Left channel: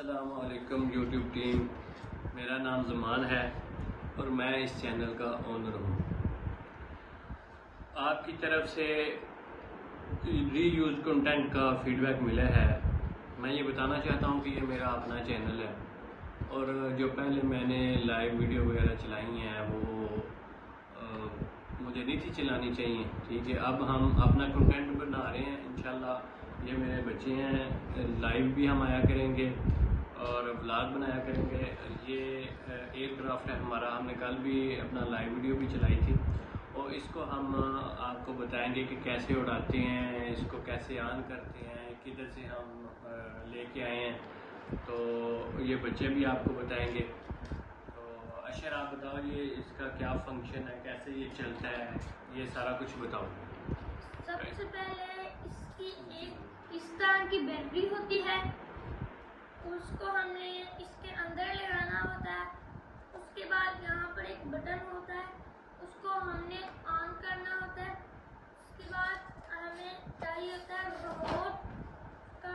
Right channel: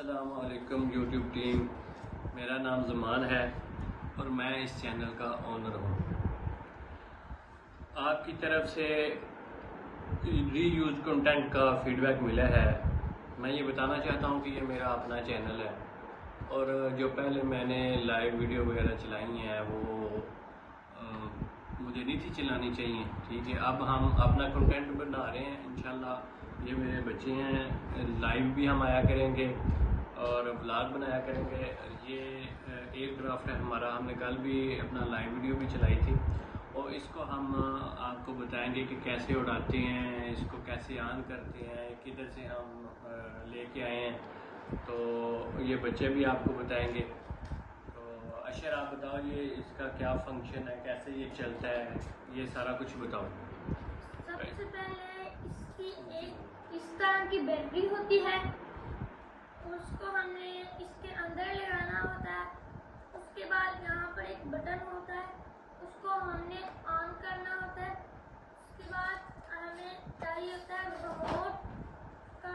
अस्सलामुअलैकुम YouTube team, मेरा नाम ज़मान है और मैं इस चैनल का ओनर हूँ। आपकी तरफ से रीयूज कंटेंट का फीडबैक मिला है। मैं ये बताना चाहता हूँ कि ये मेरा अपना चैनल है और जो पहले मैंने लाइव वीडियो वगैरह चलाई हैं वो मुझे नहीं थी चलानी चाहिए। ठीक है, अब हम अपना कंटेंट बना रहे हैं। इंशाल्लाह ये मेरे बच्चे हैं, लाइव भी हम आया करेंगे और व्लॉग बनाया करेंगे। ये एयरक्राफ्ट है हमारा, हमने कल भी अपना लाइव वीडियो भी चलाई थी और इसको हम आपको बताएंगे कि कैसे उड़ाते हैं, इसको कैसे ऑन करते हैं, किधर से हम लेके आए हैं, तो ये बच्चे भी आपको बताएंगे। तो अशर आप बताओ, ये इसका क्या फंक्शन है, कैसे ये चलता है, ये सारा कुछ बताओ। सबसे पहले इसकी एक इस तरह की बैटरी होती है, उसको हमने इसके अंदर लगाना होता है। उसके बाद यहाँ पर एक बटन होता है, उसको हमने ऑन करना होता है। उसके बाद हमें चाहिए होता है रिमोट का।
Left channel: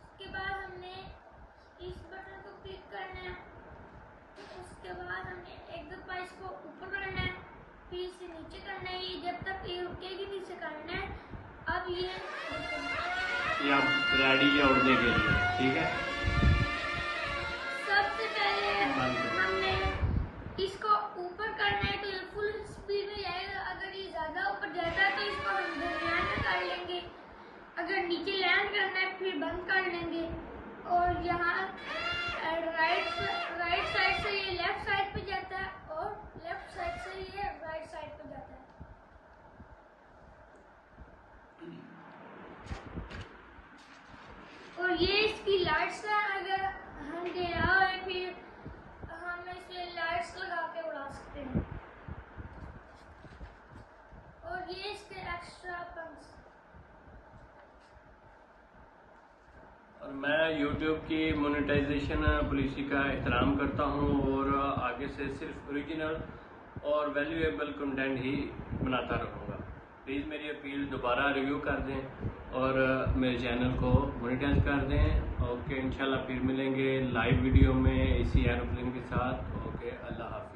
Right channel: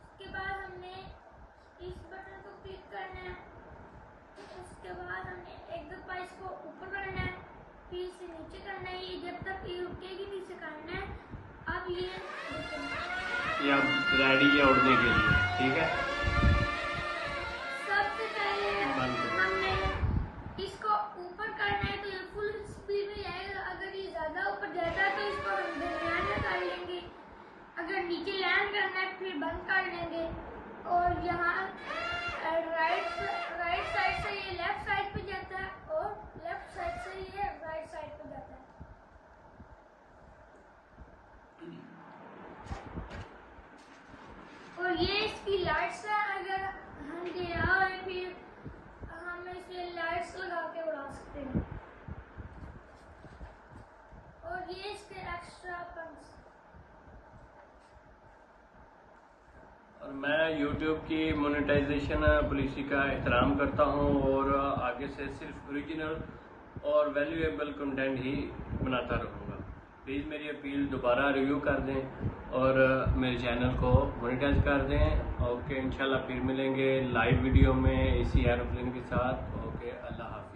उसके बाद हमने इस बटन को क्लिक करना है। उसके बाद हमने एक दफा इसको ऊपर करना है, फिर इसे नीचे करना है। ये जब तक ये रुकेगी नीचे करना है। अब ये रेडी है उड़ने के लिए, ठीक है। सबसे पहले हमने इसको ऊपर करना है तो ये फुल स्पीड में जाएगा। अगर ये ज्यादा ऊपर जाएगा तो इसको हम लैंड कर लेंगे। अगर नीचे लैंड करना है फिर बंद कर लेंगे। और यहाँ राइट साइड से ये लेफ्ट साइड पे जाता है और लेफ्ट साइड से ये राइट साइड पे जाता है। और ये इसकी लाइट्स है, अगर हम गया है फिर हम इसे लाइट्स लगा के उड़ा सकते हैं। और ये इसके एक्स्ट्रा पंक्स। और मैं YouTube की मोनेटाइजेशन पॉलिसी का एहतराम करता हूँ और आगे से सिर्फ ओरिजिनल और वैल्यूएबल कंटेंट ही बनाता रहूँगा। प्लीज़ मेरी अपील दोबारा रिव्यू कर दें और मेरे चैनल को मोनेटाइज कर दें। ओके, इंशाल्लाह फिर मिलेंगे लाइव वीडियो में इसी एरोप्लेन के साथ। ओके, अल्लाह हाफ़िज़।